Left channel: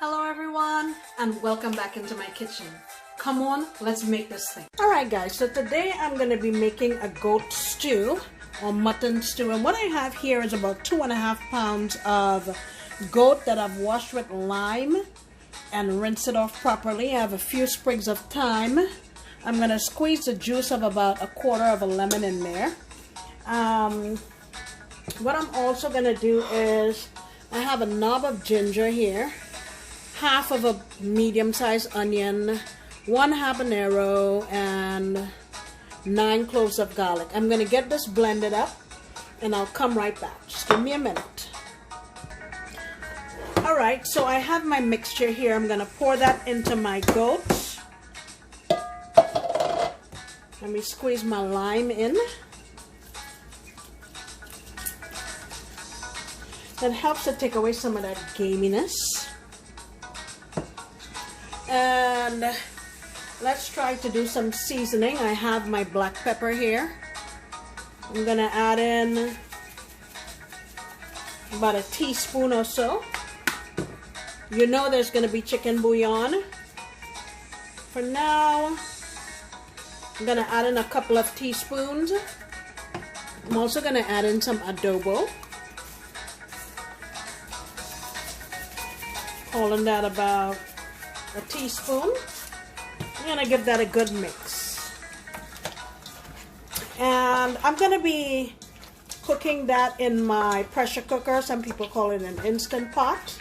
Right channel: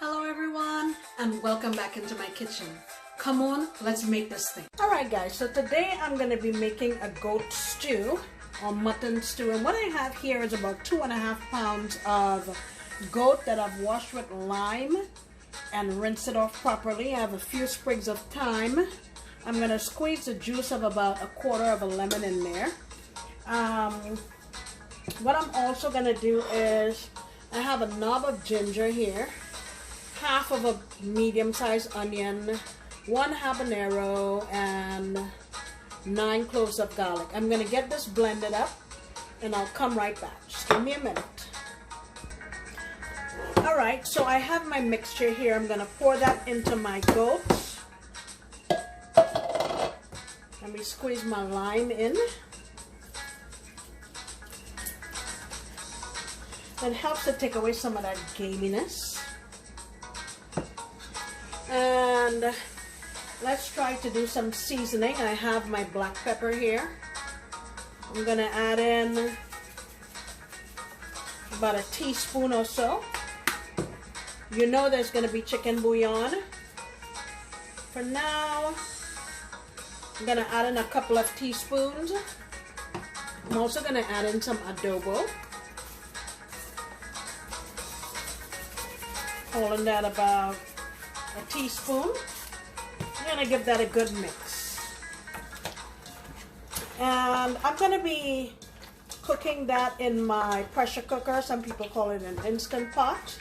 Hello everyone and welcome back into my kitchen. Come on, let's make this thing. Alright guys, so today I'm going to be making a goat stew or mutton stew, and what I have here is about 2.5 pounds of goat that I've washed with lime and rinsed it off properly. I have a few sprigs of thyme. I'm going to squeeze the juice of about 1/4 of a lemon in there. What I'm also going to do is I have a knob of ginger here, half of a medium-sized onion, 1 habanero, and 9 cloves of garlic. I'm going to get this blended up and I'll come right back. Just give me a minute. Alright, so I have my mixture here. I'm going to pour that into my goat. Let me squeeze my lime in. It helps to take away some of that gaminess. And let's try to do some seasoning. I have my black pepper here. I'm gonna add in about a teaspoon or so. You know there's gonna be chicken bouillon. For now, I'm gonna add in a couple of teaspoons. I'm also gonna add in some adobo. Calling that about a teaspoon. I'm gonna give that a good mix. And I'm gonna be cooking that in my pressure cooker. Some people call it an Instant Pot.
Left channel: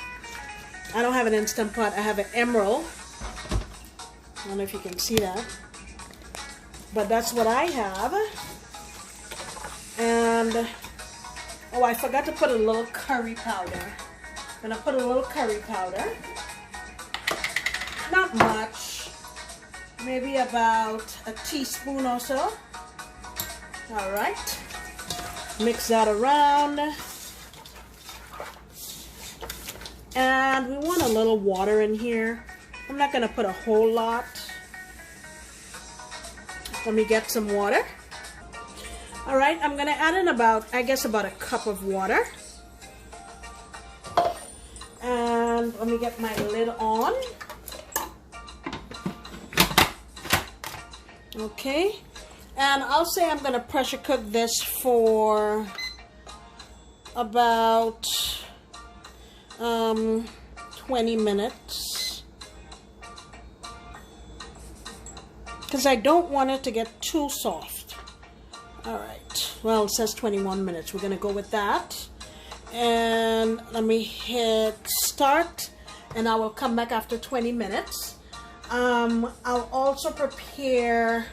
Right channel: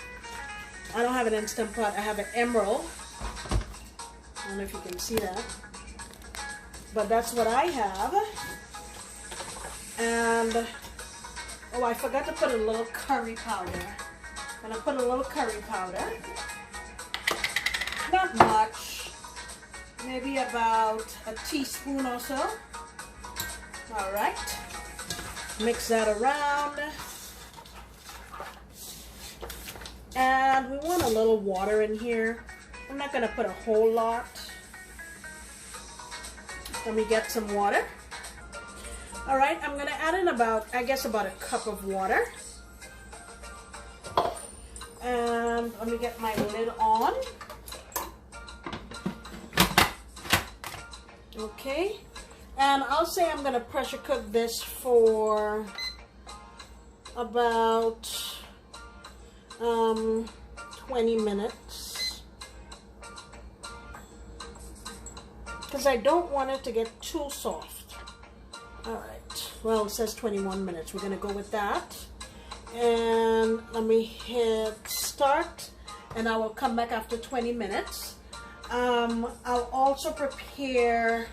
I don't have an Instant Pot, I have an Emerald. I don't know if you can see that, but that's what I have. And oh, I forgot to put a little curry powder. I'm gonna put a little curry powder. Not much, maybe about a teaspoon or so. All right, mix that around. And we want a little water in here. I'm not gonna put a whole lot. Let me get some water. All right, I'm gonna add in about, I guess about a cup of water. And let me get my lid on. Okay, and I'll say I'm going to pressure cook this for about 20 minutes because I don't want it to get too soft. All right, well, it says 21 minutes. We're going to go with that. And let me hit start and I will come back after 20 minutes. I'll also prepare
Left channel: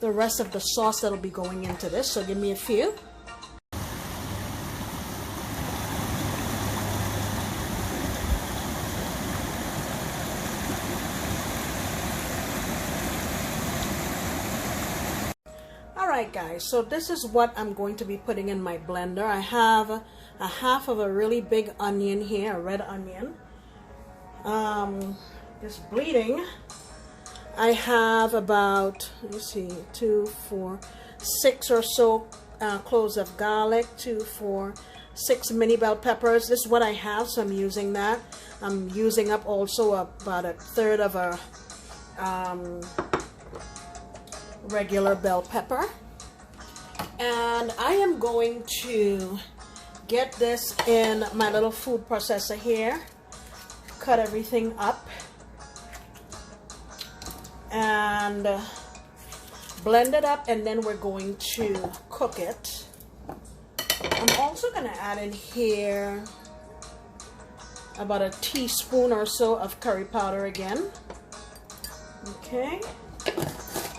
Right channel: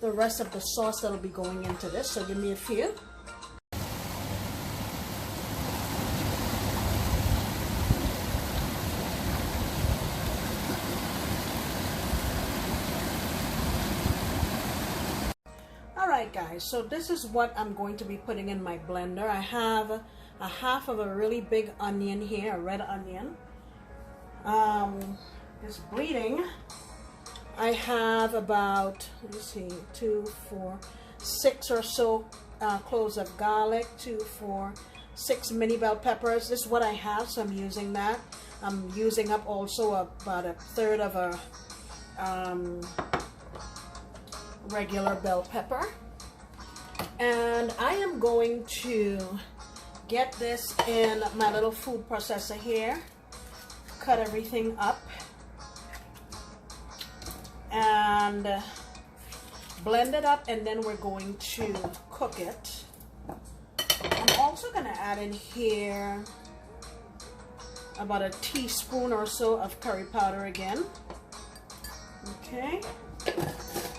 the rest of the sauce that'll be going into this, so give me a few. Alright guys, so this is what I'm going to be putting in my blender. I have a half of a really big onion here, a red onion. It's bleeding. I have about, let me see, 2, 4, 6 or so cloves of garlic, 2, 4, 6 mini bell peppers. This is what I have, so I'm using that. I'm using up also about 1/3 of a regular bell pepper. And I am going to get this in my little food processor here, cut everything up, and blend it up, and then we're going to cook it. I'm also going to add in here about a teaspoon or so of curry powder again. Okay.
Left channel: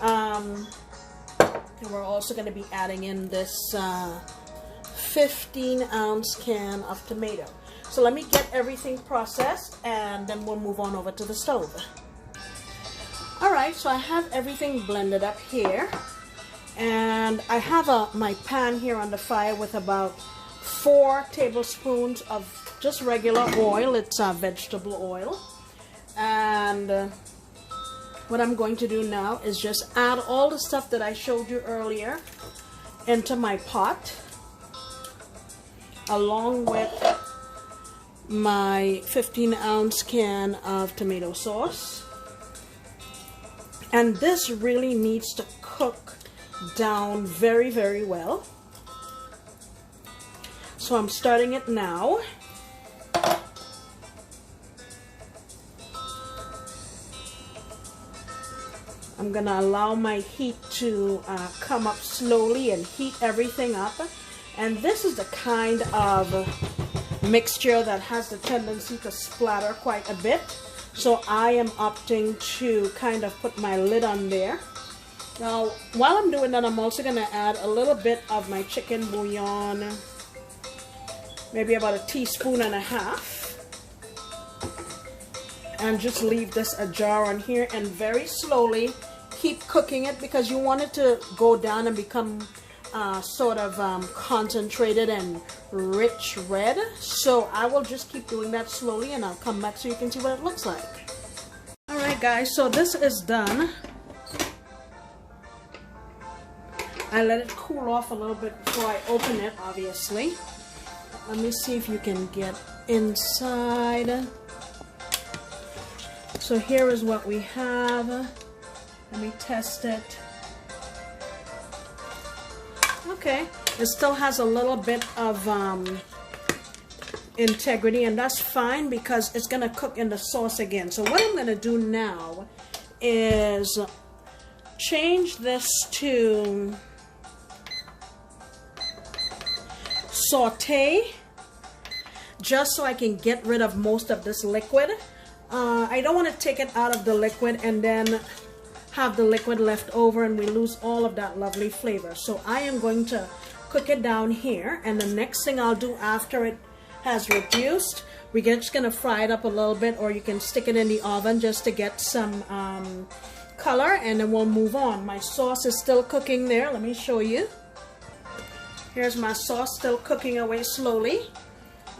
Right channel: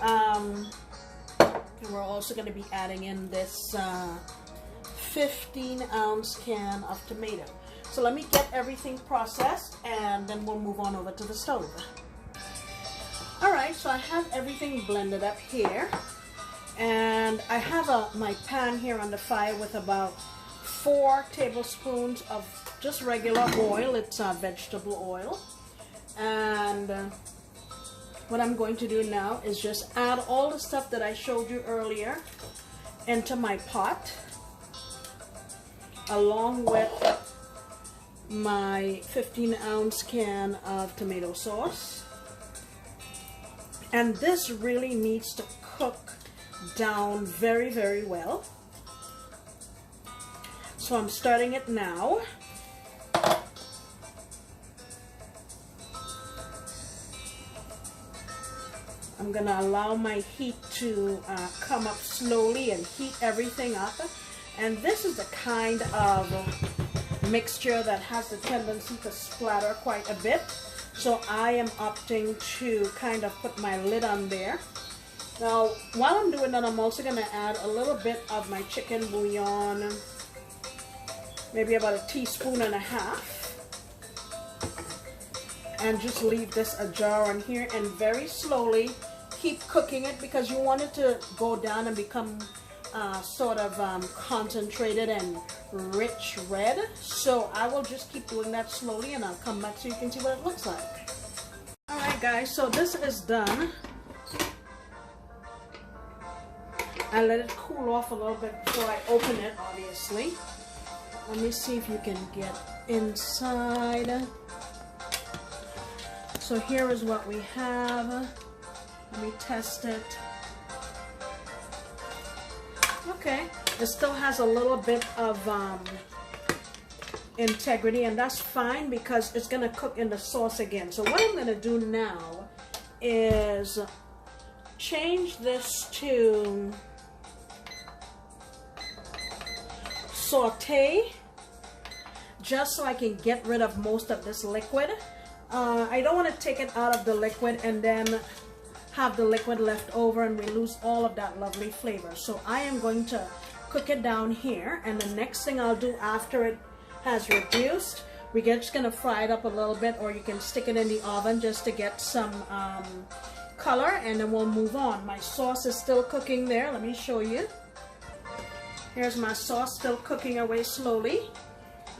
And we're also going to be adding in this 15-ounce can of tomato. So let me get everything processed and then we'll move on over to the stove. Alright, so I have everything blended up here, and I have my pan here on the fire with about 4 tablespoons of just regular oil. It's vegetable oil. And what I'm going to do now is just add all the stuff that I showed you earlier into my pot, along with my 15-ounce can of tomato sauce. And this really needs to cook down very, very well. So I'm starting it now. I'm gonna allow my heat to come up slowly and heat everything up. And this is the kind of mixture that has the tendency to splatter quite a bit. So I am opting to kind of put my lid on there. Now, while I'm doing that, I'm also gonna add a little bit of my chicken bouillon, maybe about 1.5 teaspoons, and just leave this ajar on here and very slowly keep cooking it, because you want it to go down and become sort of concentrated and rich red. So I will just keep doing that slowly, and I'll come back so you can see what it looks like. Alright guys, so this is done. I let it cool off a little bit before I open it, obviously. Let me see if you can get inside. So here is what we have. Let me test it. Okay, it still has a little bit of integrity, and that's fine because it's gonna cook in the sauce again. So what I'm gonna do now is change this to saute, just so I can get rid of most of this liquid. I don't want to take it out of the liquid and then have the liquid left over and we lose all of that lovely flavor. So I am going to cook it down here, and the next thing I'll do after it has reduced, we're just gonna fry it up a little bit, or you can stick it in the oven just to get some color, and then we'll move on. My sauce is still cooking there. Let me show you. Here's my sauce still cooking away slowly.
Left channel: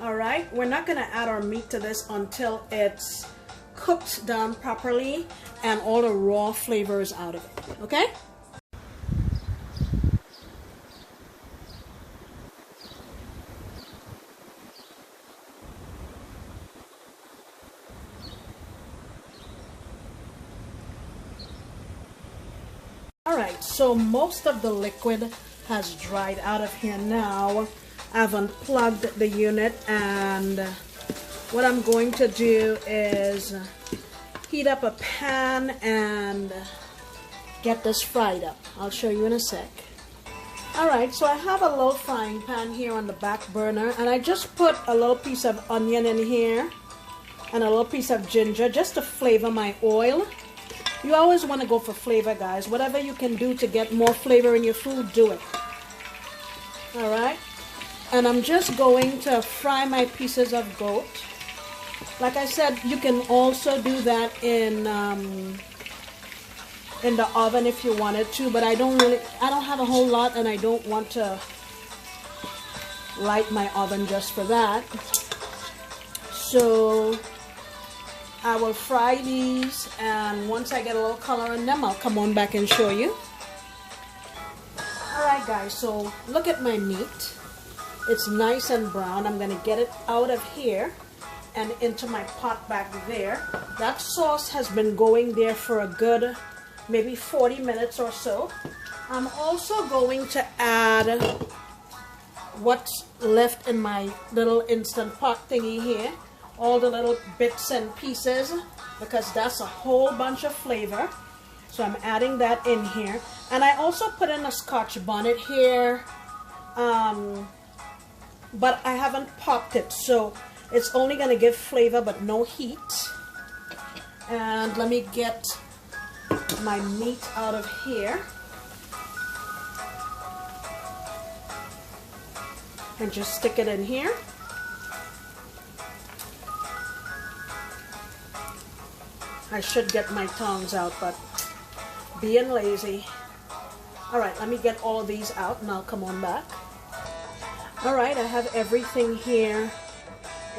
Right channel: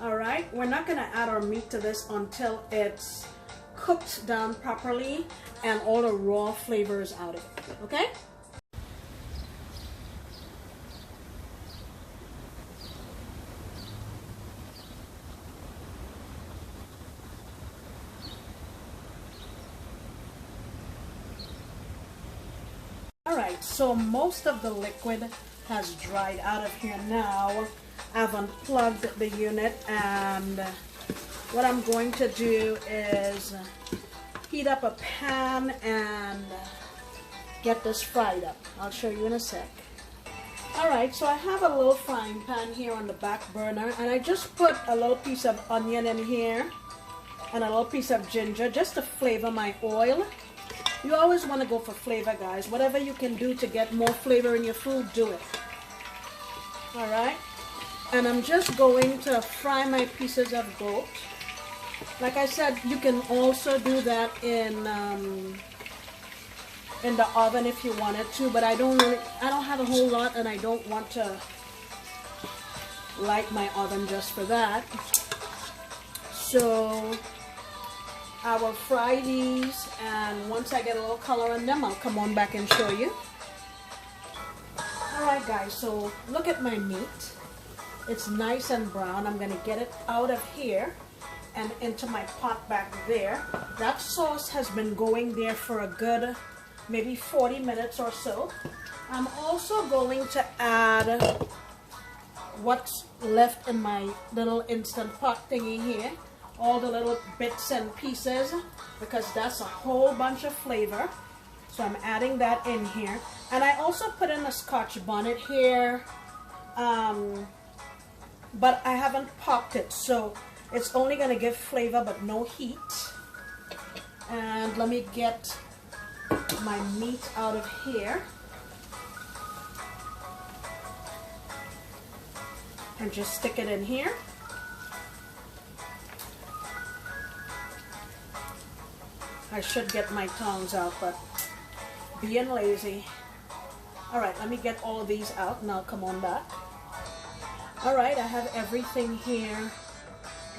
All right, we're not gonna add our meat to this until it's cooked down properly and all the raw flavor is out of it, okay? All right, so most of the liquid has dried out of here now. I've unplugged the unit, and what I'm going to do is heat up a pan and get this fried up. I'll show you in a sec. Alright, so I have a little frying pan here on the back burner, and I just put a little piece of onion in here and a little piece of ginger just to flavor my oil. You always want to go for flavor, guys. Whatever you can do to get more flavor in your food, do it. Alright, and I'm just going to fry my pieces of goat. Like I said, you can also do that in the oven if you wanted to, but I don't have a whole lot, and I don't want to light my oven just for that. So I will fry these, and once I get a little color on them, I'll come on back and show you. Alright guys, so look at my meat. It's nice and brown. I'm going to get it out of here and into my pot back there. That sauce has been going there for a good maybe 40 minutes or so. I'm also going to add what's left in my little Instant Pot thingy here, all the little bits and pieces, because that's a whole bunch of flavor. So I'm adding that in here, and I also put in a Scotch bonnet here, but I haven't popped it, so it's only going to give flavor but no heat. And let me get my meat out of here and just stick it in here. I should get my tongs out, but being lazy. Alright, let me get all of these out and I'll come on back. Alright, I have everything here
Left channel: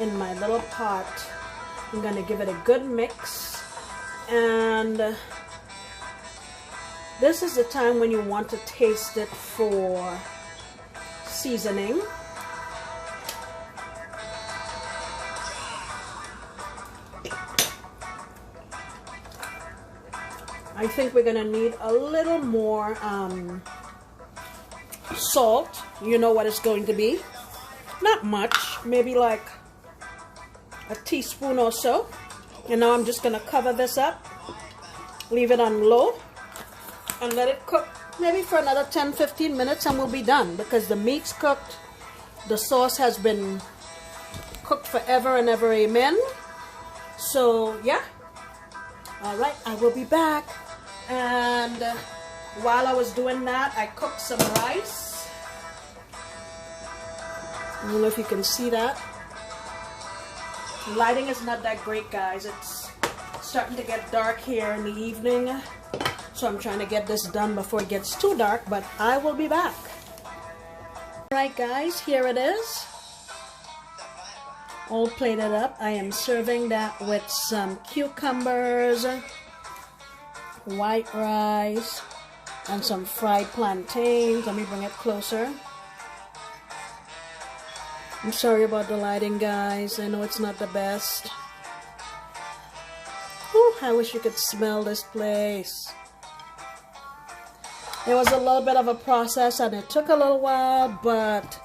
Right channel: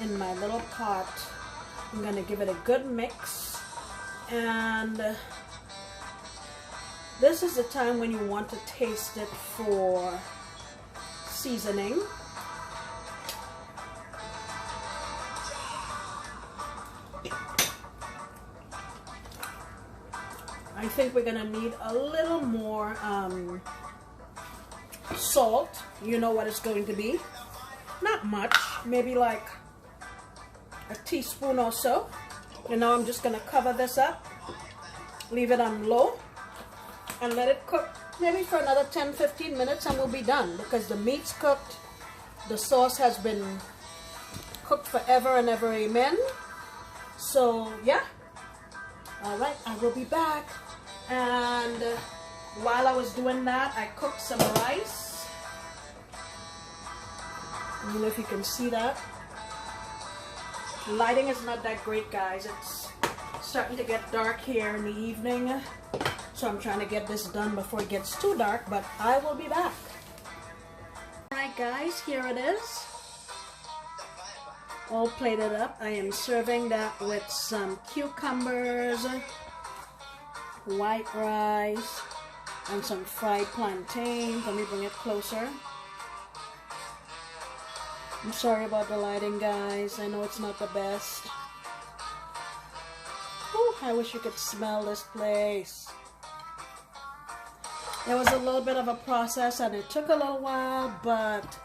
in my little pot. I'm going to give it a good mix, and this is the time when you want to taste it for seasoning. I think we're gonna need a little more salt. You know what it's going to be. Not much, maybe like a teaspoon or so. And now I'm just gonna cover this up, leave it on low, and let it cook maybe for another 10-15 minutes, and we'll be done, because the meat's cooked, the sauce has been cooked forever and ever, amen. So yeah, all right, I will be back. And while I was doing that, I cooked some rice. I don't know if you can see that. Lighting is not that great, guys. It's starting to get dark here in the evening, so I'm trying to get this done before it gets too dark, but I will be back. Alright guys, here it is, all plated up. I am serving that with some cucumbers, white rice, and some fried plantains. Let me bring it closer. I'm sorry about the lighting, guys. I know it's not the best. Ooh, I wish you could smell this place. It was a little bit of a process and it took a little while, but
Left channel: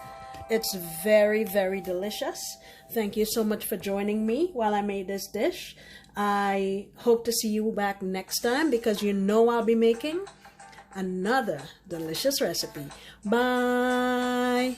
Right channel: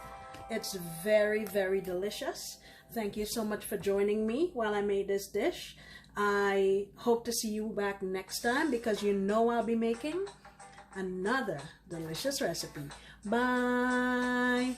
it's very, very delicious. Thank you so much for joining me while I made this dish. I hope to see you back next time, because you know I'll be making another delicious recipe. Bye!